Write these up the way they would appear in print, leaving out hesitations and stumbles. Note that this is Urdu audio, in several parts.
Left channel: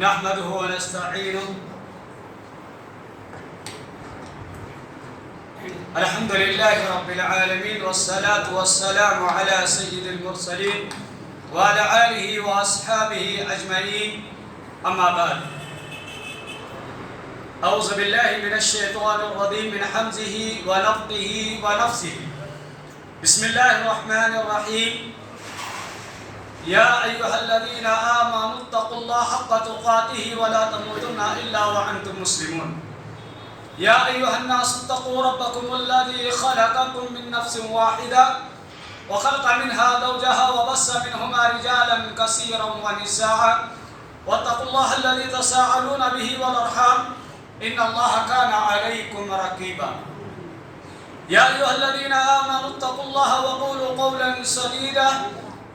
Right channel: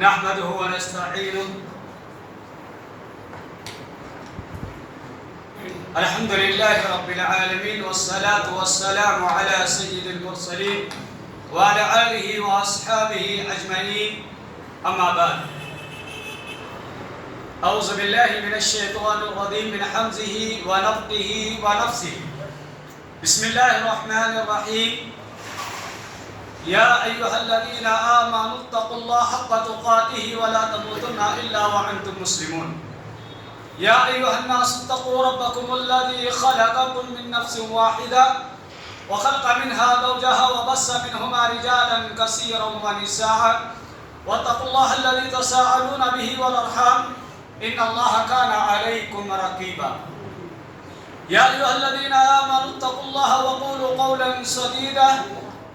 نحمده ونستعينه الحمد لله رب العالمين والصلاة والسلام على سيد المرسلين وعلى آله وأصحابه أجمعين أما بعد أعوذ بالله من الشيطان الرجيم من حمزه ونفخه ونفسه بسم الله الرحمن الرحيم يا أيها الذين آمنوا اتقوا الله حق تقاته ولا تموتن إلا وأنتم مسلمون يا أيها الناس اتقوا ربكم الذي خلقكم من نفس واحدة وخلق منها زوجها وبث منهما رجالا كثيرا ونساء واتقوا الله الذي تساءلون به والأرحام إن الله كان عليكم رقيبا يا أيها الذين آمنوا اتقوا الله وقولوا قولا سديدا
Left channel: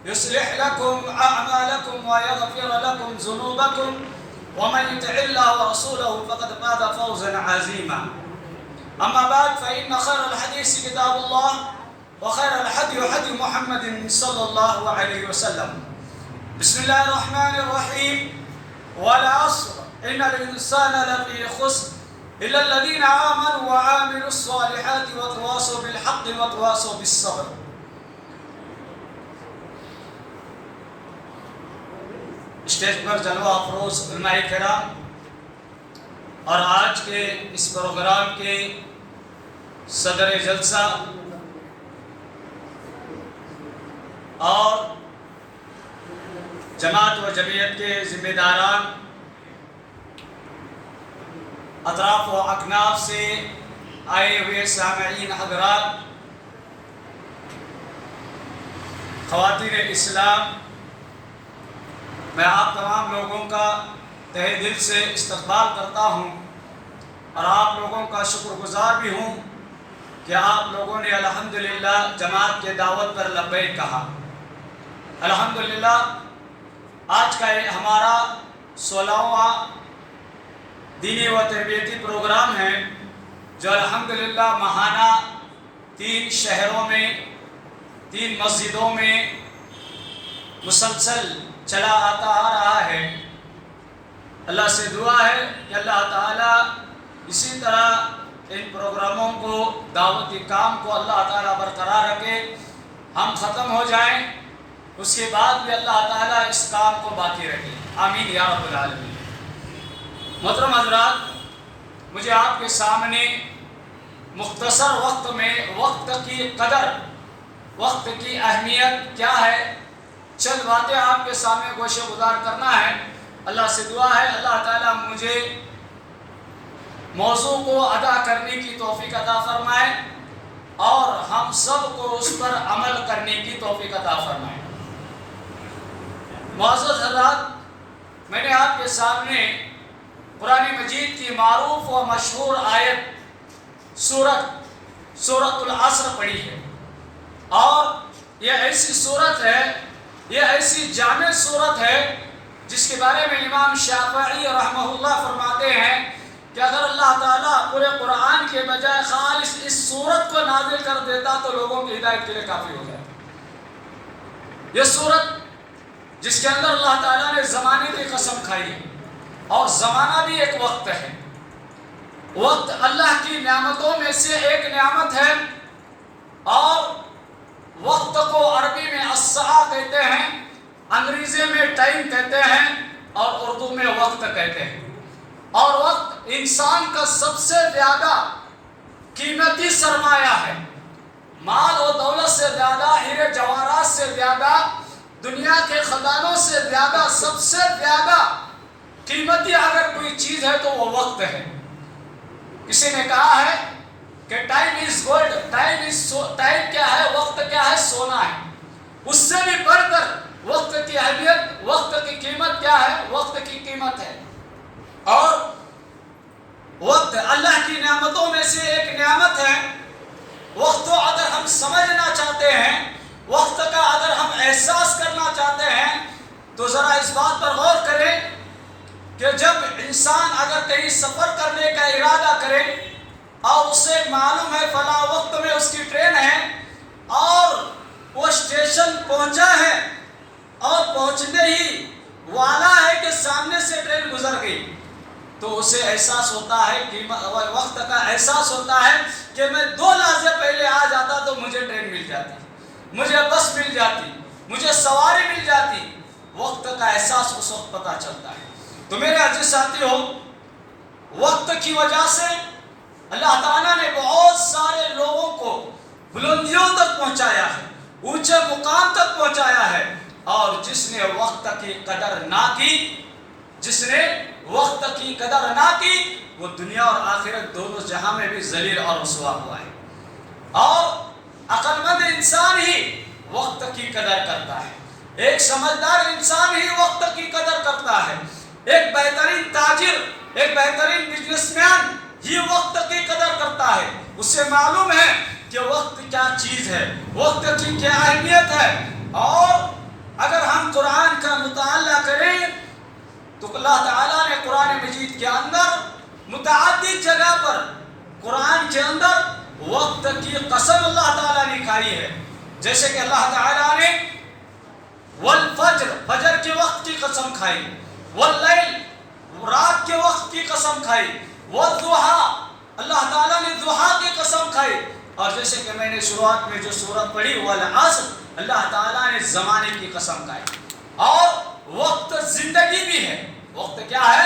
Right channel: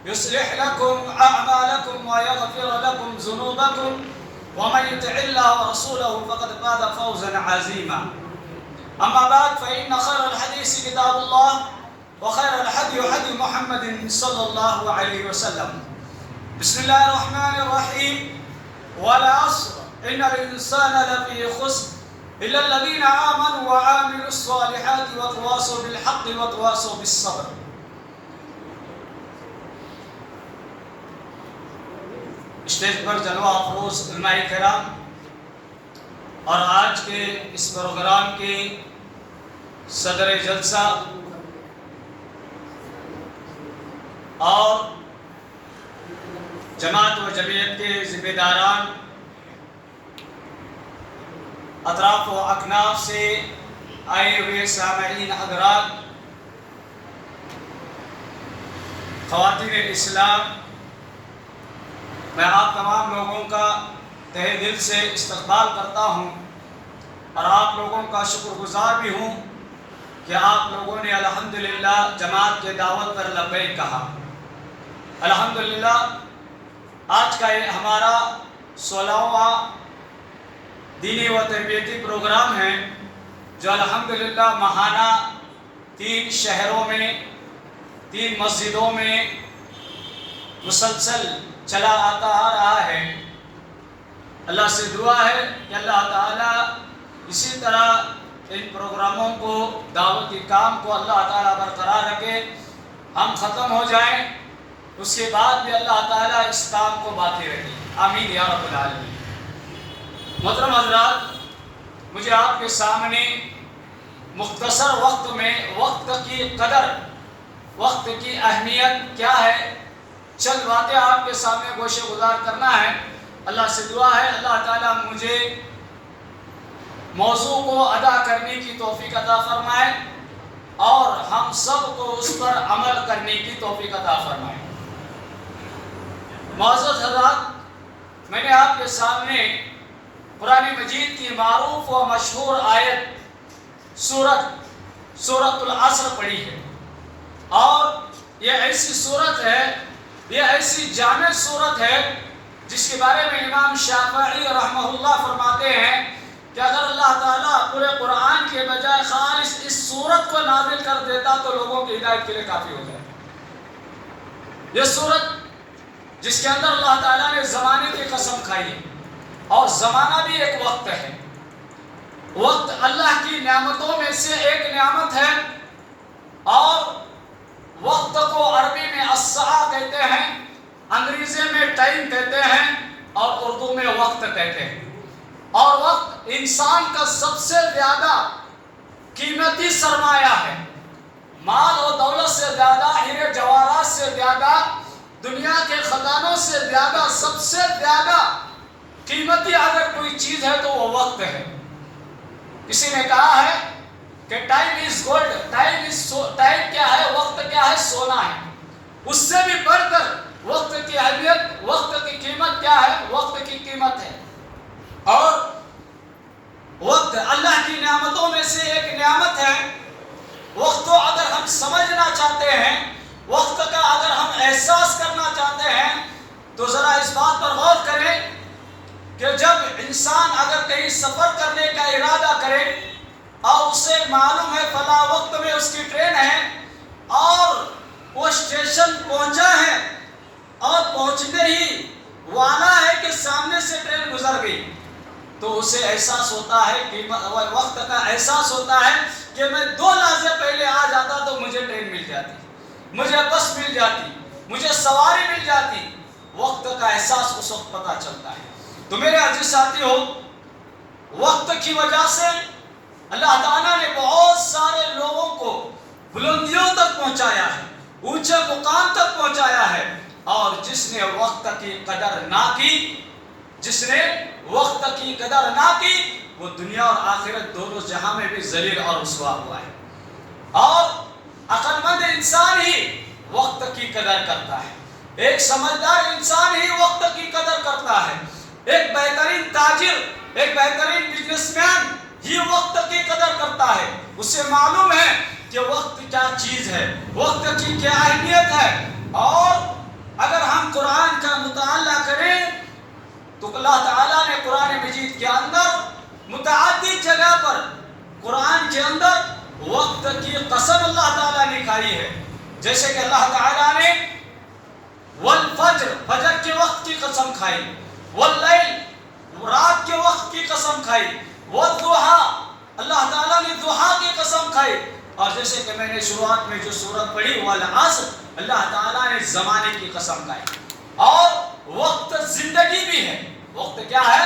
يصلح لكم أعمالكم ويغفر لكم ذنوبكم ومن يطع الله ورسوله فقد فاز فوزا عظيما أما بعد فإن خير الحديث كتاب الله وخير الهدي هدي محمد صلى الله عليه وسلم بسم الله الرحمن الرحيم والعصر إن الإنسان لفي خسر إلا الذين آمنوا وعملوا الصالحات وتواصوا بالحق وتواصوا بالصبر. اسٹیج پر جلوہ افروز علماء کرام اور آج کے اس پروگرام کے صدر جلسہ اور جماعت و جمعیت کے ذمہ داران، اطراف و اکناف سے آئے ہوئے سامعین حضرات، خواتین اسلام، میں آپ تمام لوگوں کا تہہ دل سے استقبال کرتا ہوں اور آپ لوگوں کا شکر گزار بھی ہوں کہ آپ لوگوں نے الحمدللہ جماعت کے دعوت پر لبیک کہا. الحمدللہ آج کا یہ ہمارا 16واں دینی و تربیتی پروگرام ہے جو الحمدللہ ماہانہ 3 شہروں میں 3 مسجدوں میں مسلسل چلا آتا آ رہا ہے. اللہ سے دعا ہے کہ اللہ تعالیٰ اسی طرح ان پروگراموں کو، دعوتی کام کو اللہ تعالیٰ برقرار رکھے. ہم ختم ہو جائیں اس کے بعد بھی اللہ تعالیٰ اس کام کو باقی رکھے. آمین یا رب العالمین. محترم حضرات، مجھے آپ کے سامنے مختصر وقت میں وقت کی قدر، وقت کی اہمیت کیا ہے، چند باتیں آپ کے سامنے گوشے گزار کرنا ہے. اللہ سے دعا ہے اللہ تعالیٰ مجھے موضوع کو ادا کرنے کی توفیق عطا فرمائے اور ہم سب کو اس پر عمل کرنے کی توفیق عطا فرمائے. معزز حضرات، میں نے آپ کے سامنے قرآن مجید کی معروف و مشہور آیت سورۃ العصر پڑھی ہے، اور یہ ایسی سورت ہے، یہ ایسی جامع سورت ہے جس کے بارے میں امام شافعی رحمہ اللہ فرماتے ہیں کہ اگر اللہ تعالیٰ پورے قرآن کے بجائے خالص اس سورت کو نازل کر دیتا تو لوگوں کی ہدایت کے لیے کافی ہو جاتا. یہ سورت جس کے اندر اللہ تعالیٰ نے زمانے کی قسم کھائی ہے، اور زمانہ بھی ایک وقت ہے. وقت اللہ کی نعمتوں میں سے ایک نعمت ہے، اور وقت کو عربی میں الساعہ کہتے ہیں، انگریزی میں ٹائم کہتے ہیں، اور اردو میں وقت کہتے ہیں. اور وقت انسان کا سب سے زیادہ قیمتی سرمایہ ہے. مال و دولت سے زیادہ، ہیرے جواہرات سے زیادہ، دنیا کے خزانوں سے زیادہ، سب سے زیادہ قیمتی اگر کوئی چیز ہے تو وہ وقت ہے. کسی نے کہا ہے کہ ٹائم از گولڈ. ٹائم کیا ہے؟ وقت کیا ہے؟ سونا ہے. اس سے بھی بڑھ کر وقت کی اہمیت، وقت کی قیمت کیا ہے؟ وقت کی قیمت ہے. اور وقت اللہ کی نعمتوں میں سے ایک نعمت ہے. وقت کو اگر ہم سمجھنا چاہتے ہیں، وقت کا اگر ہم احساس کرنا چاہتے ہیں تو ذرا اس بات پر غور کریں کہ جب انسان اگر کہیں سفر کرنے کا ارادہ کرے اور اسے معلوم ہے فلاں وقت میں اس کی ٹرین ہے، اور وہ اسٹیشن پہنچا ہے اور پہنچنے ہی والا ہے کہ سامنے سے ٹرین تو اسے احساس ہوتا ہے کہ وقت کا احساس ہوتا ہے کہ میں 2 لحظے پہلے آ جاتا تو مجھے ٹرین مل جاتی، مجھے بس مل جاتی، مجھے سواری مل جاتی۔ وقت کا احساس اس وقت پتہ چلتا ہے۔ تو میرے عزیز ساتھی ہو، وقت کی وجہ سے اللہ تعالیٰ نے بہت سارے لوگوں کو بلندیوں تک پہنچایا ہے، اونچے مقام تک پہنچایا ہے، اور جس نے وقت کی قدر نہ کی، جس نے وقت کی قدر نہ کی، وہ دنیا اور آخرت دونوں جہاں میں بھی ذلیل اور رسوا ہوا ہے۔ اور عقل مند انسان ہی وقت کی قدر کرتا ہے، ایک سمجھدار انسان ہی وقت کی قدر کرتا ہے، ایک بہترین تاجر، ایک بہترین بزنس مین ہی وقت کی قدر کرتا ہے۔ اسے معلوم ہے کہ وقت کیا چیز ہے، وقت کی کیا اہمیت ہے۔ اور اگر ہم قرآن کا مطالعہ کریں تو اللہ تعالیٰ نے قرآن مجید کے اندر متعدد جگہ پر قرآن کے اندر وقت کی قسم اللہ تعالیٰ نے کھائی ہے۔ جیسے کہ اللہ تعالیٰ نے والفجر، فجر کے وقت کی قسم کھائی، واللیل، رات کے وقت کی قسم کھائی، والضحیٰ، اللہ تعالیٰ نے ضحیٰ کی قسم کھائی، اور جیسے کہ میں نے شروعات میں جو سورت پڑھی والعصر، اللہ تعالیٰ نے زمانے کی قسم کھائی۔ اور وقت زندگی بھی ہے، وقت کیا ہے؟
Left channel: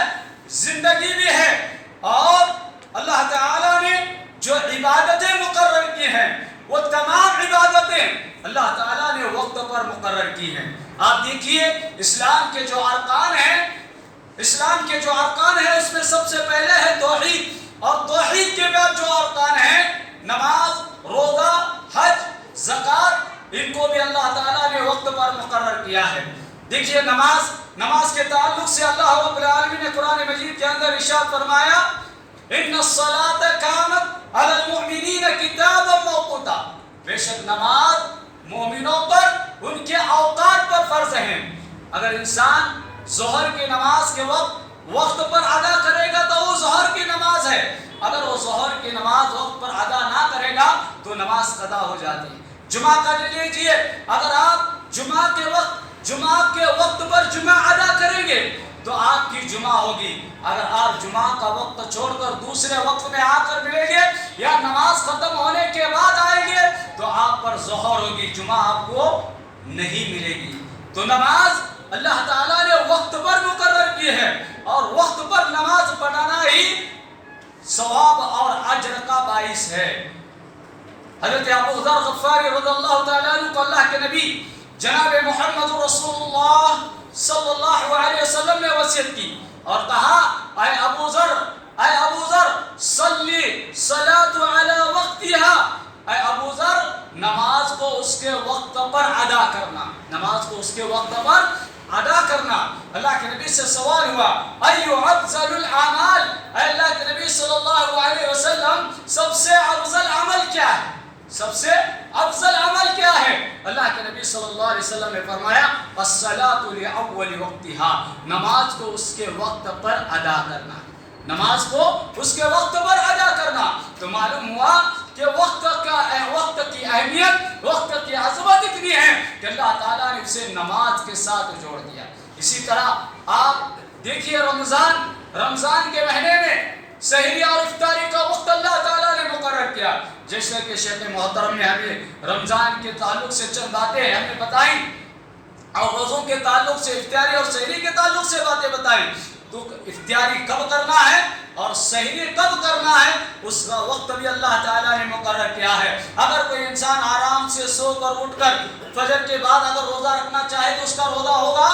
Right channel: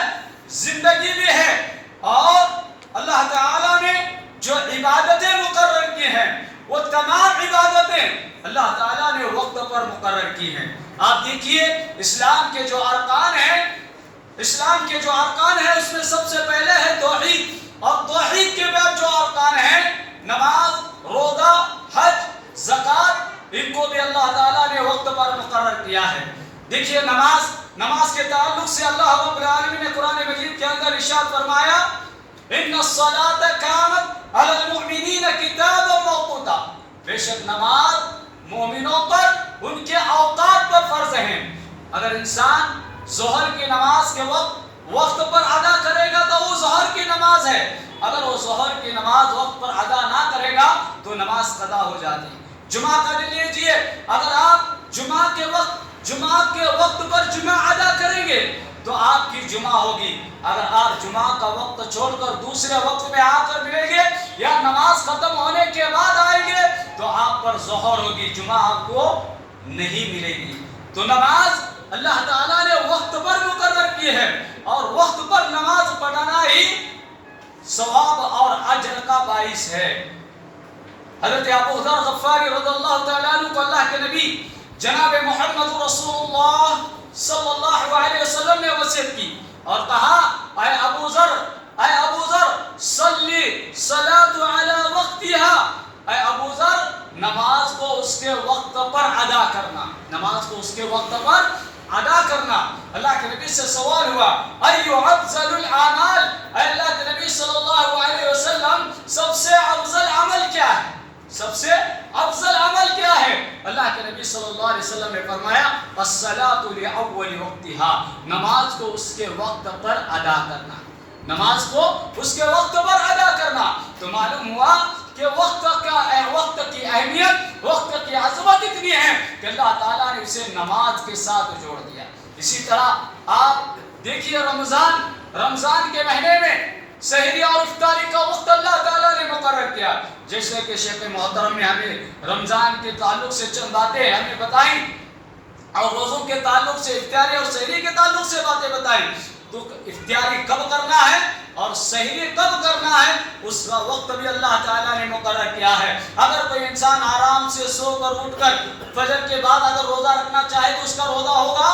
زندگی بھی ہے۔ اور اللہ تعالیٰ نے جو عبادتیں مقرر کی ہیں وہ تمام عبادتیں اللہ تعالیٰ نے وقت پر مقرر کی ہیں۔ آپ دیکھیے اسلام کے جو ارکان ہیں، اسلام کے جو ارکان ہیں اس میں سب سے پہلے ہے توحید، اور توحید کے بعد جو ارکان ہیں نماز، روزہ، حج، زکوٰۃ، ان کو بھی اللہ تعالیٰ نے وقت پر مقرر کیا ہے۔ دیکھیے نماز کے تعلق سے اللہ رب العالمین نے قرآن مجید کے اندر ارشاد فرمایا ان الصلاۃ کانت علی المؤمنین کتابا موقوتا، بے شک نماز مومنوں پر ان کے اوقات پر فرض ہیں۔ اگر انسان ظہر کی نماز کے وقت پر ادا کرے گا تو وہ ظہر کی نماز ہے، اگر وہ ظہر کی نماز وقت پر ادا نہ کرے گا تو نماز قضا ہو جاتی ہے۔ جمعہ کا دن لیجیے، اگر آپ جمعہ کے وقت پر جمعہ ادا کریں گے تو آپ کی جمعہ ہوگی، اگر آپ جمعہ کا وقت چھوڑ کر دوسرے وقت میں آ کر ملیں گے یا نماز ختم ہونے کے بعد آئیں گے تو آپ پر ظہر ہوگی، جمعہ آپ کو نہیں ملے گی۔ تو نماز اللہ تعالیٰ نے وقت پر مقرر کی ہے، اور وقت پر نماز پڑھنا ہی ثواب اور اجر کا باعث ہے۔ حضرت ابو ذر غفاری رضی اللہ تعالیٰ عنہ کو اللہ کے نبی جناب محمد رسول اللہ صلی اللہ علیہ وسلم نے وصیت کی اور کہا اے ابو ذر صلی صلاۃ علی وقتها، اے ابو ذر نماز کو اس کے وقت پر ادا کرنا، نماز کو اس کے وقت پر ادا کرنا۔ اللہ کے نبی سے سوال ہوا ایو افضل الاعمال، اے اللہ کے نبی صلی اللہ علیہ وسلم سب سے افضل عمل کیا ہے؟ سب سے افضل عمل کیا ہے؟ اللہ کے نبی صلی اللہ علیہ وسلم نے فرمایا الصلاۃ لاول وقتها، نماز کو اس کے وقت پر ادا کرنا، نماز کو اس کے وقت پر ادا کرنا۔ تو معلوم ہوا کہ وقت کی اہمیت، وقت کی عظمت اتنی ہے کہ اللہ تعالیٰ نے اسے نماز کے ساتھ جوڑ دیا۔ اسی طرح آپ دیکھیے رمضان کے مہینے میں سحری اور افطاری کا وقت اللہ تعالیٰ نے مقرر کیا، جیسے کہ شیخ محترم نے ہمیں رمضان کے تعلق سے چند باتیں ہمیں بتائیں اور روزوں کے تعلق سے، افطاری اور سحری کے تعلق سے باتیں بتائیں۔ تو افطاری کب کرنا ہے اور سحری کب کرنا ہے اس کا وقت بھی اللہ تعالیٰ نے مقرر کیا ہے۔ اگر کوئی انسان آرام سے سو کر اٹھ کر فجر کے بعد اگر روزہ رکھنا چاہے تو اس کا روزہ ہوگا؟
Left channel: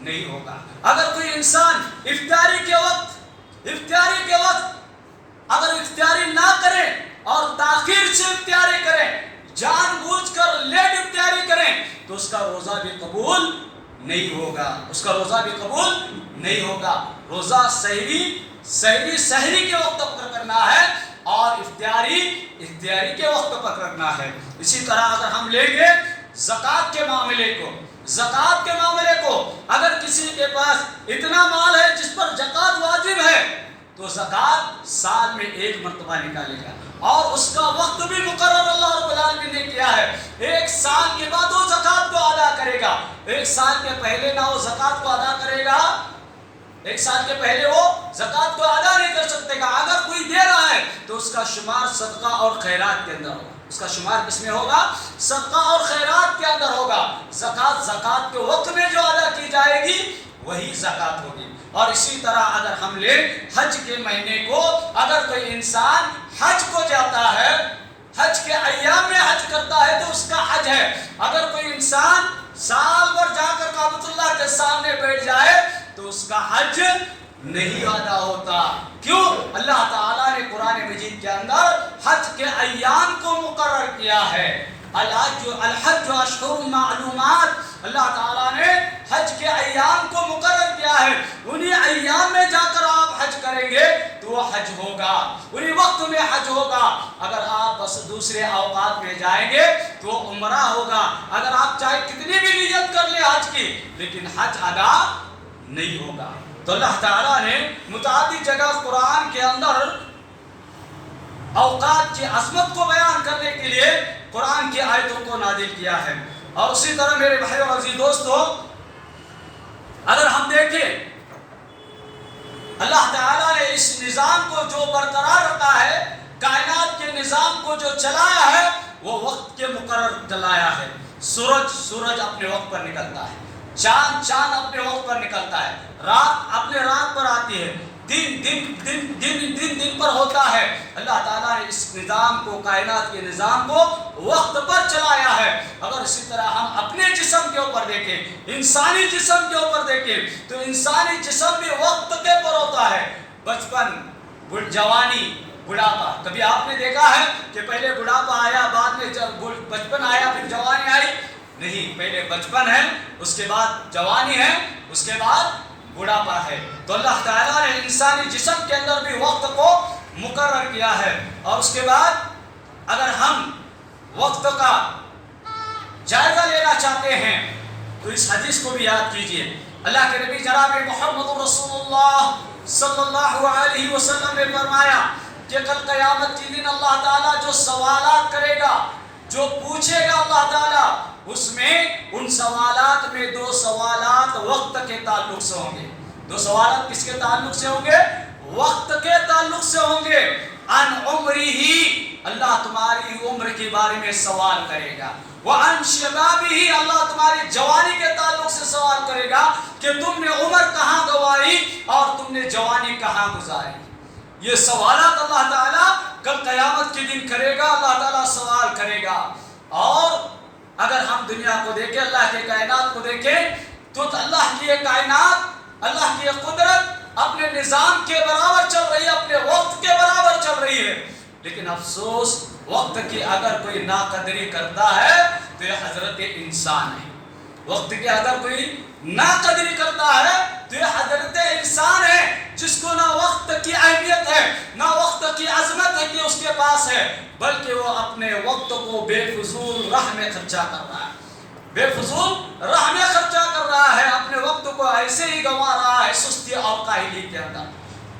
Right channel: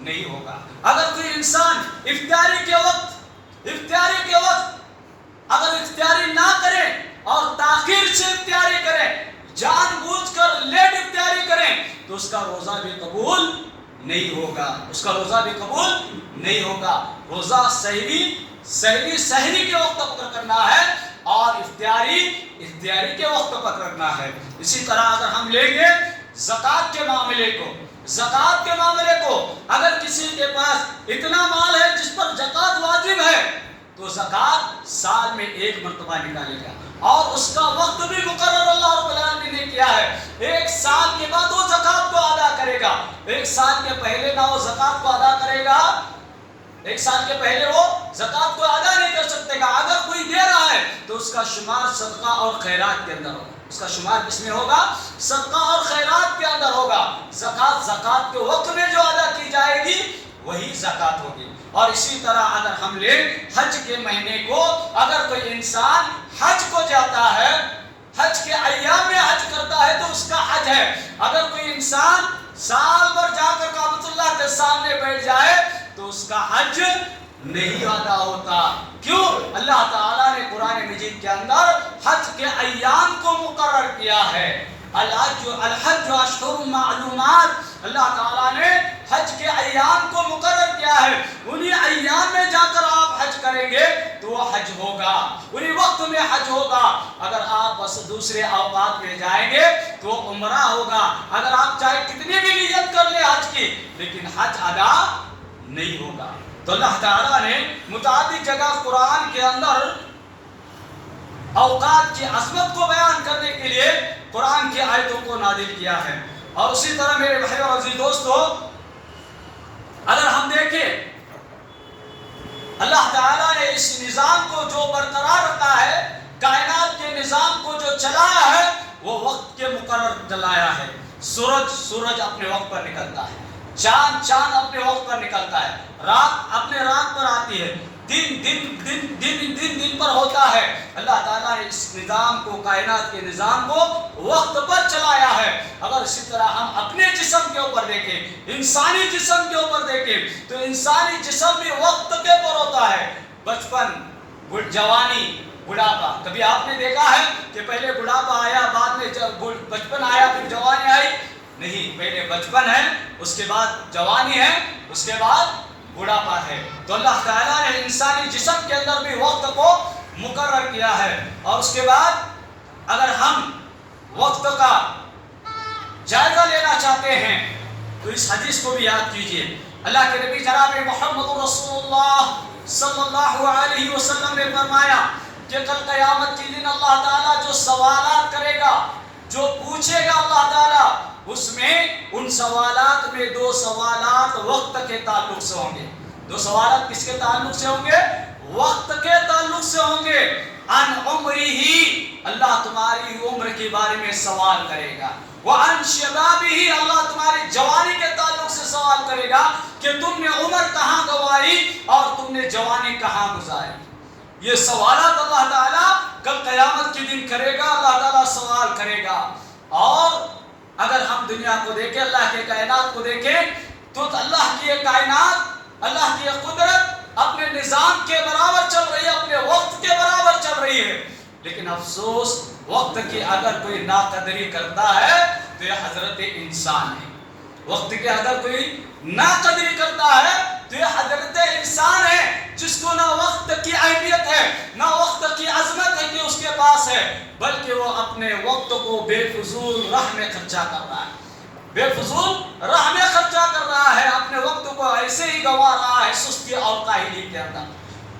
نہیں ہوگا۔ اگر کوئی انسان افطاری کے وقت اگر افطاری نہ کرے اور تاخیر سے افطاری کرے، جان بوجھ کر لیٹ افطاری کریں تو اس کا روزہ بھی قبول نہیں ہوگا، اس کا روزہ بھی قبول نہیں ہوگا۔ روزہ سحری کے وقت پر کرنا ہے اور افطاری کے وقت پر کرنا ہے۔ اسی طرح اگر ہم لیں گے زکوٰۃ کے معاملے کو، اگر کسی کے پاس اتنا مال ہے جس پر زکوٰۃ واجب ہے تو زکوٰۃ سال میں 1 مرتبہ نکالے گا، اور اس کا وقت بھی مقرر اللہ رب العالمین نے کیا ہے۔ 1 سال کے بعد وہ زکوٰۃ کو ادا کرے گا، 1 سال کے پہلے نہ وہ زکوٰۃ کو ادا کرے گا ایک سال کے پہلے وہ زکوٰۃ کو ادا نہیں کر سکتے گا. اگر کوئی دے رہا ہے تو اس کا شمار صدقہ اور خیرات کے اندر ہوگا. اس کا شمار کس میں ہوگا؟ صدقہ اور خیرات کے اندر ہوگا. زکوٰۃ کے وقت میں جو ادا کی جائے گی وہی زکوٰۃ ہوگی. اور اسی طرح اگر ہم لیں حج کے مہینے کو، اگر کوئی انسان حج کو جاتا ہے، حج کے ایام میں حج کرتا ہے تو اس کا حج ہے. اگر کوئی انسان سال بھر جا کر کعبۃ اللہ کے سامنے بیٹھ جائے تو اس کا حج نہیں ادا ہوتا. کیوں؟ اللہ تعالیٰ نے قرآن مجید کے اندر حج کے ایام کو مقرر کیا ہے. الحج اشہر معلومات، اللہ تعالیٰ نے حج کے ایام کو مقرر کیا ہے. انہی ایام میں جا کر آپ حج کریں گے تو وہ حج ہوگا، انہی وقت میں حج ہوگا. اگر آپ بس دوسرے اوقات میں جائیں گے تو وہ عمرہ ہوگا. اگر آپ چاہے کتنی بھی نیت کر لیں حج کی، لیکن حج ادا نہیں ہوگا. تو اللہ تعالیٰ نے متعدد جگہ قرآن کے اندر اوقات کی عظمت کو بیان کرنے کے لیے قرآن کی آیتوں کو نازل کیا ہے. اور اسی طرح میرے بھائی اور عزیز دوستو، اگر ہم دیکھیں اللہ تعالیٰ نے اس نظام کو جو برقرار رکھا ہے، کائنات کے نظام کو جو چلایا ہے، وہ وقت کے مقرر چلایا ہے. سورج اپنے وقت پر نکلتا ہے، چاند اپنے وقت پر نکلتا ہے، رات اپنے رات پر آتی ہے، دن پر ہوتا ہے. اللہ تعالیٰ نے اس نظام کو، کائنات کے نظام کو وقت پر چلایا ہے. اگر اسی طرح ہم اپنے جسم کے اوپر دیکھیں، انسانی جسم کے اوپر دیکھیں، تو انسانی جسم بھی وقت کے پر ہوتا ہے. بچپن، جوانی، بڑھاپا. کبھی آپ نے دیکھا ہے کہ پہلے بڑھاپا آیا، بعد میں بچپن آیا، پھر جوانی آئی؟ نہیں، پہلے بچپن ہے، اس کے بعد جوانی ہے، اس کے بعد بڑھاپا ہے. تو اللہ تعالیٰ نے انسانی جسم کے اندر بھی وقت کو مقرر کیا ہے. اور اس کے بعد اگر ہم وقت کا جائزہ لینا چاہتے ہیں تو اس حدیث کو بھی یاد کیجئے. اللہ کے نبی جناب محمد رسول اللہ صلی اللہ علیہ وسلم نے فرمایا کہ کل قیامت کے دن اللہ تعالیٰ جو سوالات کرے گا، جو پوچھے گا اللہ تعالیٰ، اس میں ان سوالات میں 2 سوالات وقت کے تعلق سے ہوں گے. 2 سوالات کس کے تعلق سے ہوں گے؟ وقت کے تعلق سے ہوں گے. عن عمری، اللہ تمہاری عمر کے بارے میں سوال کرے گا. وعن شبابی، اللہ تمہاری جوانی کے تعلق سے سوال کرے گا کہ تم نے عمر کہاں گوائی اور تم نے جوانی کہاں گزاری. یہ سوالات اللہ تعالیٰ کل قیامت کے دن کرے گا. اللہ تعالیٰ سوال کرے گا. اور اگر ہم دنیا کو دیکھیں، اللہ کے کائنات کو دیکھیں، تو اللہ کی یہ کائنات، اللہ کی یہ قدرت اپنے نظام کے برابر چل رہی ہے، اپنے وقت کے برابر چل رہی ہے. لیکن افسوس، وقت کی اگر کوئی ناقدری کرتا ہے تو یہ حضرت انسان ہے. وقت کی اگر کوئی ناقدری کرتا ہے تو یہ حضرت انسان ہے، جس کو نہ وقت کی اہمیت ہے، نہ وقت کی عظمت ہے کہ اس کے پاس ہے، بلکہ وہ اپنے وقت کو بے فضول راہ میں خرچہ کر رہا ہے. بے فضول راہ میں خرچہ کر رہا ہے، اپنے وقت کو ایسے ہی گنوا رہا ہے، سستی اور کاہلی کے اندر،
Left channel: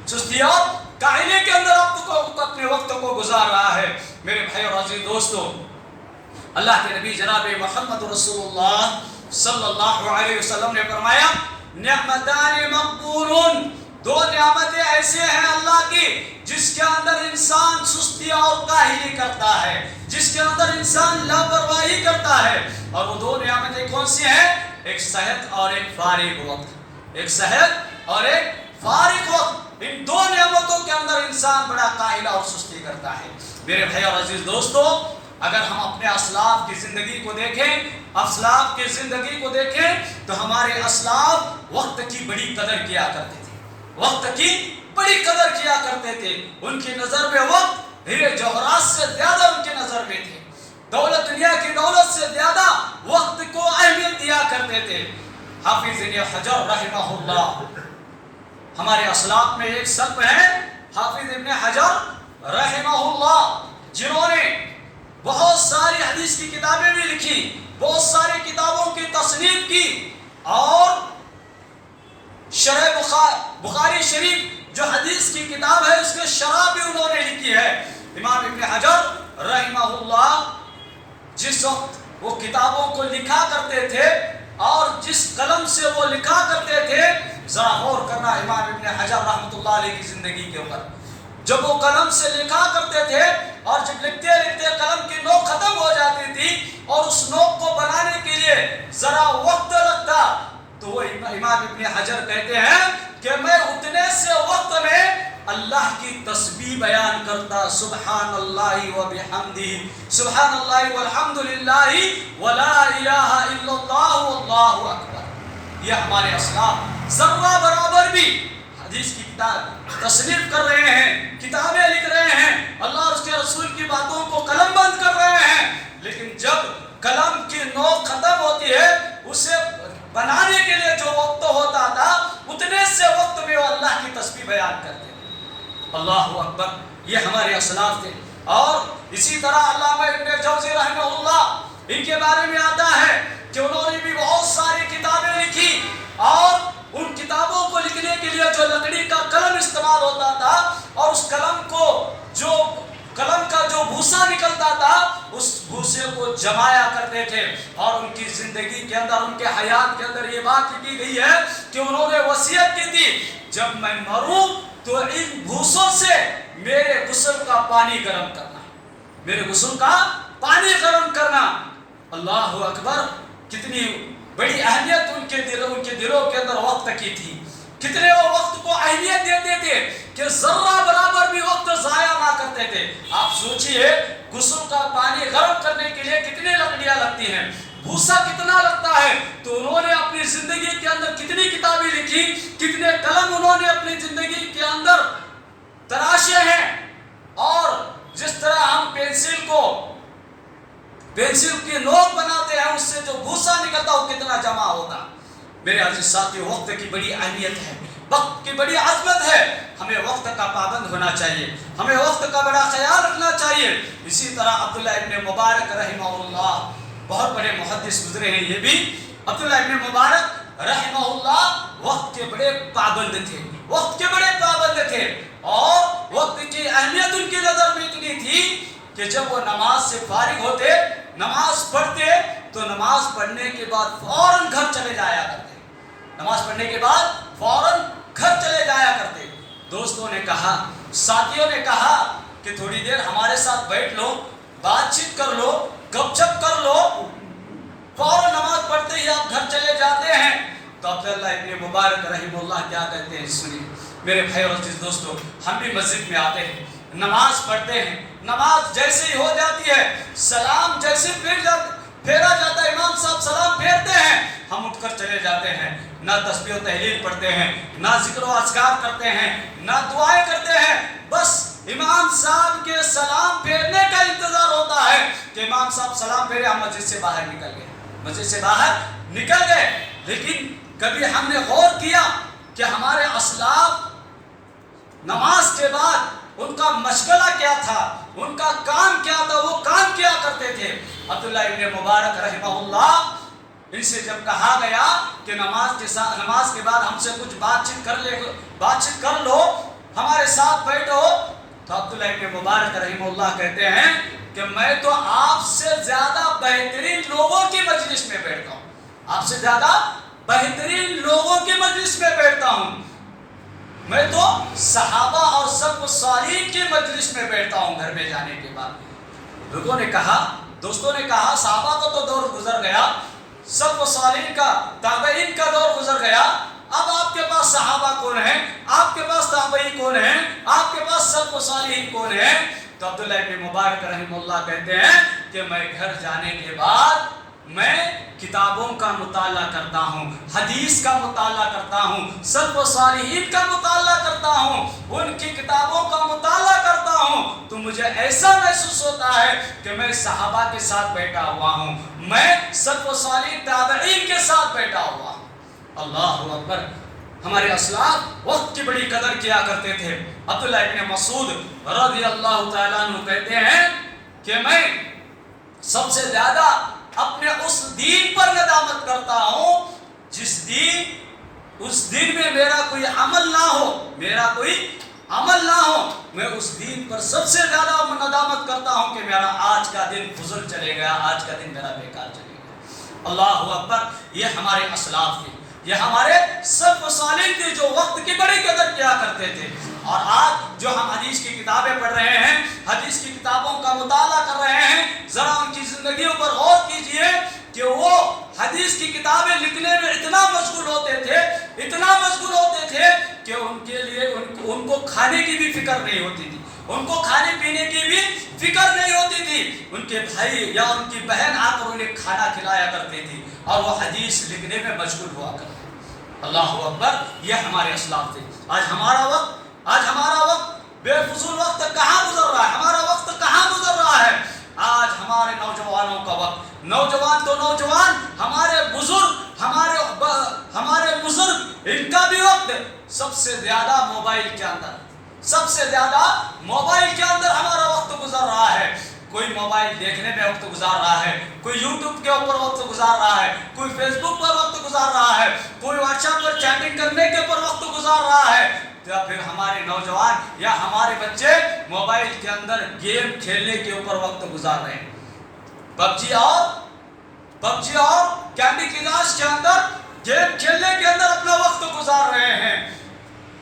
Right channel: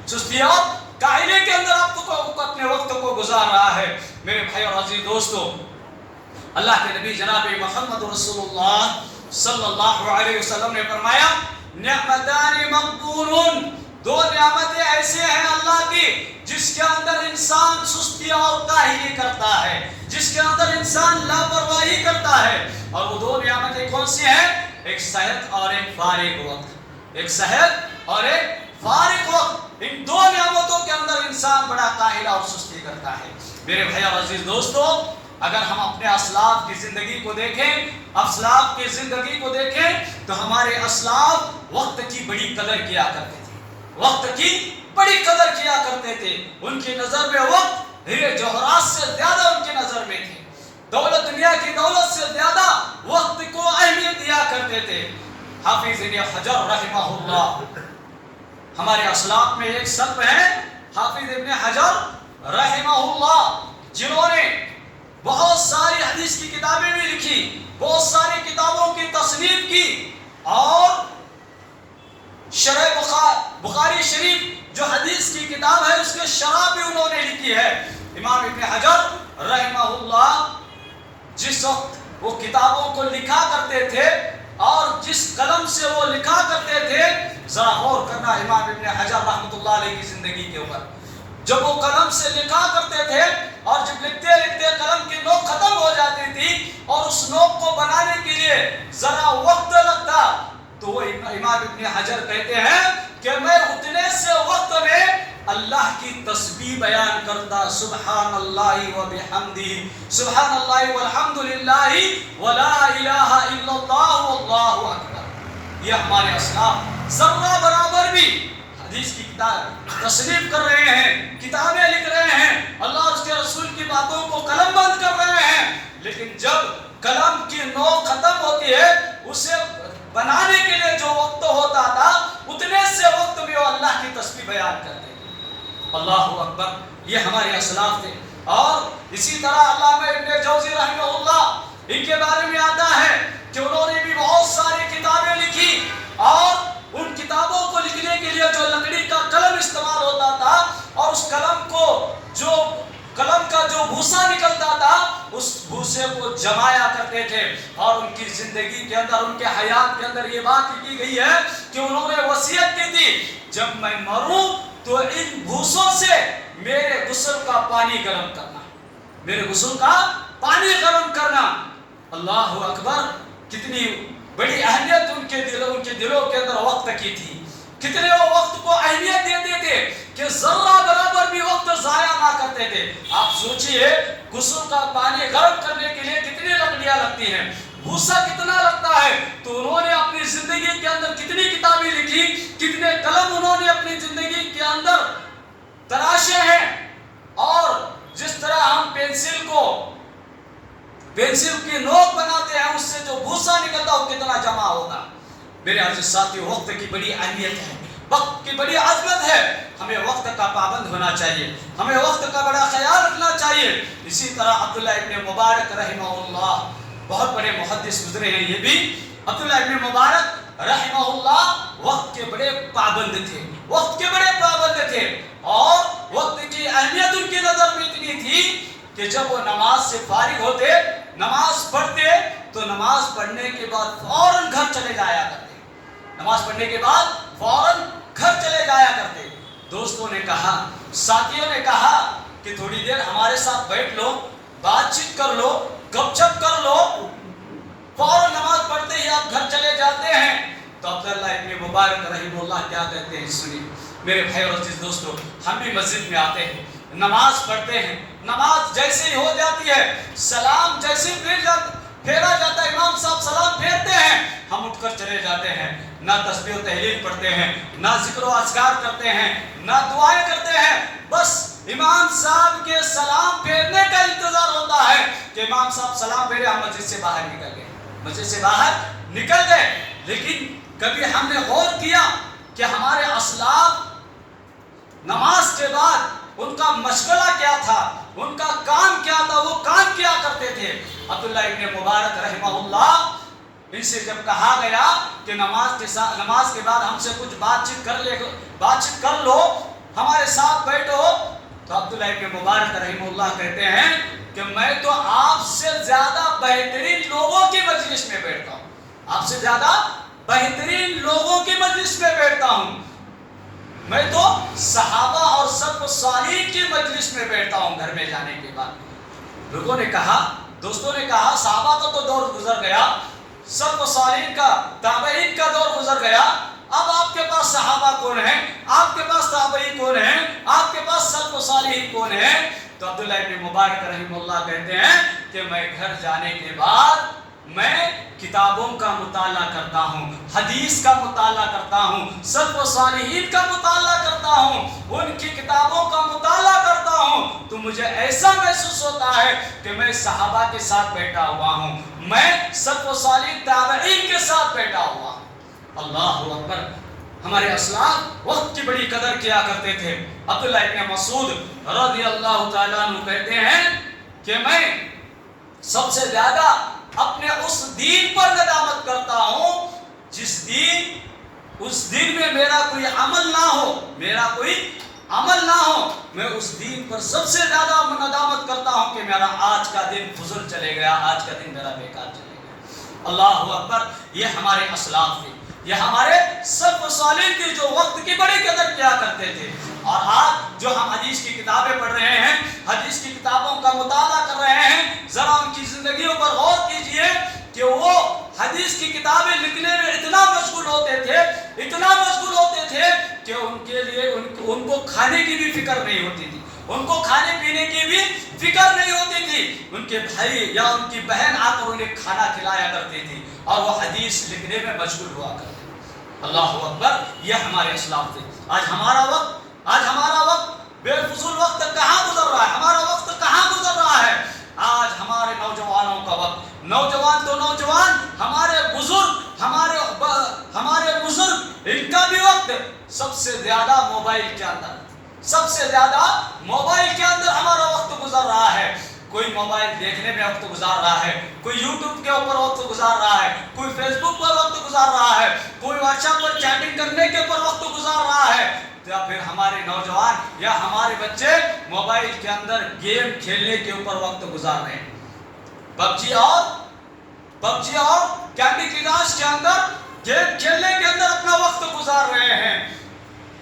سستی اور کاہلی کے اندر اپنے وقت کو گزار رہا ہے. میرے بھائی اور عزیز دوستو، اللہ کے نبی جناب محمد رسول اللہ صلی اللہ علیہ وسلم نے فرمایا، نعمتان مقبولون، 2 نعمتیں ایسے ہیں اللہ کی جس کے اندر انسان سستی اور کاہلی کرتا ہے، جس کے اندر انسان لاپرواہی کرتا ہے. اور وہ 2 نعمتیں کون سی ہیں؟ ایک صحت اور ایک فارغ وقت. ایک صحت اور ایک فارغ وقت. ان 2 نعمتوں کے اندر انسان بڑا کاہل اور سستی کرتا ہے. میرے بھائی اور عزیز دوستو، اگر ہم اپنے اسلاف کی زندگی کو دیکھیں، اسلاف کی زندگی کو دیکھیں تو ہمارے اسلاف وقت کی بڑی قدر کیا کرتے تھے، وقت کی بڑی قدر کیا کرتے تھے. ان کی نظر میں وقت ہیرے جوہرات سے زیادہ ان کی نظر میں تھے. دولت، دنیا کی دولت سے زیادہ وقت کو اہمیت دیا کرتے تھے. حافظ ابن حجر رحمہ اللہ، ہمارے اسلاف میں ایک سلف ہیں حافظ ابن حجر رحمہ اللہ، جنہوں نے بہت ساری حدیث کی کتابیں بھی لکھی، بہت ساری کتابوں کی تصنیف کی، اور شرح بخاری شریف جو حدیث کی کتاب ہے اس کے شرح بھی انہوں نے لکھی ہے. امام ابن حجر رحمہ اللہ جس وقت وہ کتابوں کو لکھا کرتے تھے اور جس قلم سے وہ لکھا کرتے تھے ذرا غور کرنا امام ابن حجر رحمۃ اللہ علیہ کی زندگی کے اوپر. جب وہ قلم سے لکھا کرتے تھے اور جب لکھتے لکھتے قلم کی نوک ختم ہو جاتی تھی اور اس نوک کو بنانے کے لیے ذرا وقت لگتا تو وہ امام ابن حجر کہتے ہیں کہ میں اتنے سے وقت میں اللہ کی تسبیح بیان کرتا. سبحان اللہ و بحمدہ، سبحان اللہ والحمد للہ ولا الہ الا اللہ واللہ اکبر. یہ ہمارے اسلاف ذرہ برابر بھی حدیث کی کتاب تصنیف کر رہے ہیں، کتابیں لکھ رہے ہیں، اللہ اور اس کے رسول کی باتوں کو قلم بند کر رہے ہیں، لیکن جب قلم کی نوک ختم ہوتی ہے اسے بنانے کے لیے جو وقت ہوتا تھا اتنے سے وقت میں وہ اللہ کی تسبیح بیان کرتے تھے. اللہ اکبر. یہ ہمارے اسلاف تھے. اور اسی طرح علامہ ابن جوزی رحمہ اللہ، ان کے بارے میں آتا ہے کہ انہوں نے بھی بہت ساری کتابیں لکھی اور ان کتابوں کو لکھنے کے لیے جو لکڑی کا قلم استعمال ہوتا تھا اور اس قلم کو جو قلم کا جو بھوسا نکلتا تھا اس بھوسے کو جمایا کرتے تھے. اور ان کی زندگی کے اندر، ان کے حیات کے اندر یہ بات کی گئی ہے کہ انہوں نے وصیت کی تھی جب میں مروں تو ان بھوسوں سے میرے غسل کا پانی گرم کرنا، میرے غسل کا پانی گرم کرنا. اللہ اکبر. کتنی بڑی اہمیت ان کے دلوں کے اندر وقت کی تھی. کتنے وہ وقت کو اہمیت دیتے تھے کہ ذرہ برابر بھی وقت ضائع نہ کرتے تھے. آپ سوچئے غسل کا پانی گرم کرنے کے لیے کتنی لکڑیاں لگتی ہیں، بھوسا کتنا لگتا ہے. تو انہوں نے اپنی زندگی کے اندر کتنی کتابیں لکھی، کتنے قلم انہوں نے اپنی زندگی کے اندر تراشے ہیں. اور جس طرح ہم پینسل کی نوک بناتے ہیں اس سے جو بھوسا نکلتا وہ کتنا جمع ہوگا. میرے عزیز ساتھیو، وقت کی بڑی اہمیت ہے، وقت کی بڑی عظمت ہے. ہمیں وقت کا پابند ہونا چاہیے، ہمیں وقت کا بڑا خیال رکھنا چاہیے. اسی طرح عبداللہ ابن مبارک رحمہ اللہ، بہت بڑے محدث گزرے ہیں یہ بھی. عبداللہ ابن مبارک رحمہ اللہ وقت کے بڑے پابند تھے، وقت کے بڑے پابند تھے. اور وقت کی اہمیت ان کی نظر میں اتنی تھی کہ جب وہ نماز سے فارغ ہوتے، نماز پڑھتے تو نماز پڑھنے کے بعد فوراً گھر چلے جایا کرتے. نماز پڑھنے کے بعد فوراً گھر چلے جایا کرتے. دوستوں نے کہا، ساتھیوں نے کہا کہ تھوڑی دیر ہمارے ساتھ بیٹھ لو، بات چیت کر لو، گپ شپ کر لو. فوراً نماز پڑھتے ہی آپ گھر چلے جاتے ہیں. تو عبداللہ ابن مبارک رحمہ اللہ کیا کہتے ہیں سنیے. میرے بھائی اور عزیز دوستو، ہم بھی مسجد میں آتے ہیں، نماز پڑھتے ہیں. نماز جیسے ہی ہو جاتی ہے، سلام جیسے پھیرا جاتا ہے، امام صاحب سلام پھیرتے ہیں، ہم اٹھ کر چلے جاتے ہیں. نہ تسبیح و تحلیل پڑھتے ہیں، نہ ذکر و اذکار کرتے ہیں، نہ دعائیں کرتے ہیں. بس امام صاحب کے سلام پھیرنے کا انتظار ہوتا ہے کہ امام صاحب سلام پھیرے، ہم مسجد سے باہر نکل گئے، مسجد سے باہر نکل گئے. لیکن کبھی ہم نے غور کیا کہ ہمارے اسلاف نماز کے بعد ان کا مشغلہ کیا تھا، ان کا کام کیا تھا، وہ کام کیا کرتے تھے. عبداللہ ابن مبارک رحمہ اللہ، ان سے جب کہا گیا کہ نماز کے بعد ہم سے کچھ بات چیت کر لو، ہمارے ساتھ بیٹھو، تو عبداللہ ابن مبارک رحمہ اللہ کہتے ہیں کہ میں تو آپ سے زیادہ بہترین لوگوں کی مجلس میں بیٹھتا ہوں، آپ سے زیادہ بہترین لوگوں کی مجلس میں بیٹھتا ہوں. میں تو صحابہ اور سلف صالحین کی مجلس میں بیٹھتا ہوں گھر میں جانے کے بعد. لوگوں نے کہا، دوستوں نے کہا، صحابہ کا تو دور گزر گیا، سلف صالحین کا، تابعین کا دور گزر گیا، اب آپ کے پاس صحابہ کون ہیں، آپ کے پاس تابعین کون ہیں، آپ کے پاس سلف صالحین کون ہیں. تو عبداللہ ابن مبارک رحمہ اللہ کہتے ہیں کہ میں گھر جانے کے بعد میں کتابوں کا مطالعہ کرتا ہوں، حدیث کا مطالعہ کرتا ہوں، سلف و صالحین کا مطالعہ کرتا ہوں، ان کی کتابوں کا مطالعہ کرتا ہوں. تو مجھے ایسا محسوس ہوتا ہے کہ میں صحابہ کے ساتھ بیٹھا ہوا ہوں، میں سلف و صالحین تابعین کے ساتھ بیٹھا ہوا ہوں. اللہ اکبر. ہمارے اسلاف وقت کی بڑی قدر کیا کرتے تھے. عبداللہ ابن مسعود رضی اللہ تعالیٰ عنہ کہتے ہیں کہ میں سب سے زیادہ اپنے اس دین پر ندامت کرتا ہوں اس دن میں میرا کوئی عمل نہ ہو. میں اس دین پر سب سے زیادہ ندامت کرتا ہوں کہ میرا آج کا دن فضل چلے گیا، آج کا دن میرا بیکار چلے گیا. اللہ اکبر. یہ ہمارے اسلاف تھے. یہ ہمارے سلف صالح تھے جو وقت کی بڑی قدر کیا کرتے تھے. اور آج جو ہم حدیث کی کتابیں پڑھ رہے ہیں، حدیث کی کتابوں کا مطالعہ کر رہے ہیں، ذرا ان کی زندگیوں پر غور کیجئے کہ وہ حدیث کی کتابیں لکھنے میں اتنا مشغول ہوتے تھے کہ ان کے لیے ان کو کھانے کی بھی فکر نہیں ہوتی تھی، ان کو کھانے پینے کی بھی فکر نہیں ہوتی تھی. ان کے بھائی یا ان کی بہن آ کر انہیں کھانا کھلایا کرتی تھی اور وہ حدیث لکھنے میں مشغول ہوا کرتے. اللہ اکبر، یہ ہمارے اسلاف تھے. آج ہمارا وقت بے فضول وقت کہاں گزر رہا ہے؟ ہمارا وقت کہاں گزر رہا ہے؟ آج ہمارے نوجوانوں کا وقت، نوجوان تو نوجوان، ہمارے بزرگ ان کا بھی وقت سب سے زیادہ موبائل کے اندر ہمارا وقت گزر رہا ہے. کوئی موبائل دیکھنے میں وقت گزار رہا ہے، کوئی یوٹیوب کے اوپر وقت گزار رہا ہے، کوئی فیس بک پر وقت گزار رہا ہے، کوئی واٹس ایپ پر چیٹنگ کرنے کے اوپر وقت گزار رہا ہے. یا پھر ہمارے نوجوان یا ہمارے بچے موبائل کے اندر گیم کھیلنے کے اوپر وقت گزار رہے ہیں. پبجی اور کینڈی کراش کے اندر گیم کھیلنے کے اندر اپنا وقت گزار رہے ہیں.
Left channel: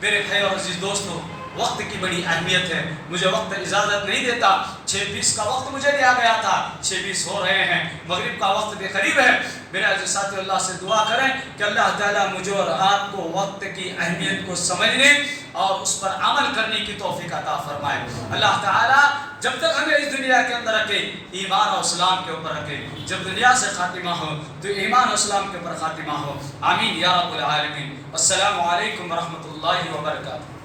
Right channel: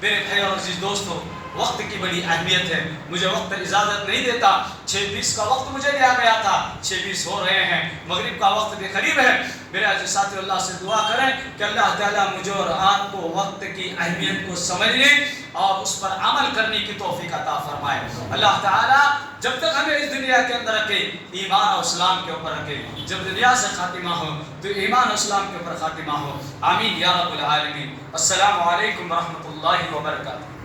میرے بھائی اور عزیز دوستو، وقت کی بڑی اہمیت ہے. مجھے وقت اجازت نہیں دیتا. 6:20 کا وقت مجھے دیا گیا تھا، 6:20 ہو رہے ہیں، مغرب کا وقت بے قریب ہے. میرے عزیز ساتھی، اللہ سے دعا کریں کہ اللہ تعالیٰ مجھے اور آپ کو وقت کی اہمیت کو سمجھنے اور اس پر عمل کرنے کی توفیق عطا فرمائے. اللہ تعالیٰ جب تک ہمیں اس دنیا کے اندر رکھے، ایمان اور اسلام کے اوپر رکھے. جب دنیا سے خاتمہ ہو تو ایمان اور اسلام کے اوپر خاتمہ ہو. آمین یا رب العالمین. السلام علیکم ورحمۃ اللہ وبرکاتہ.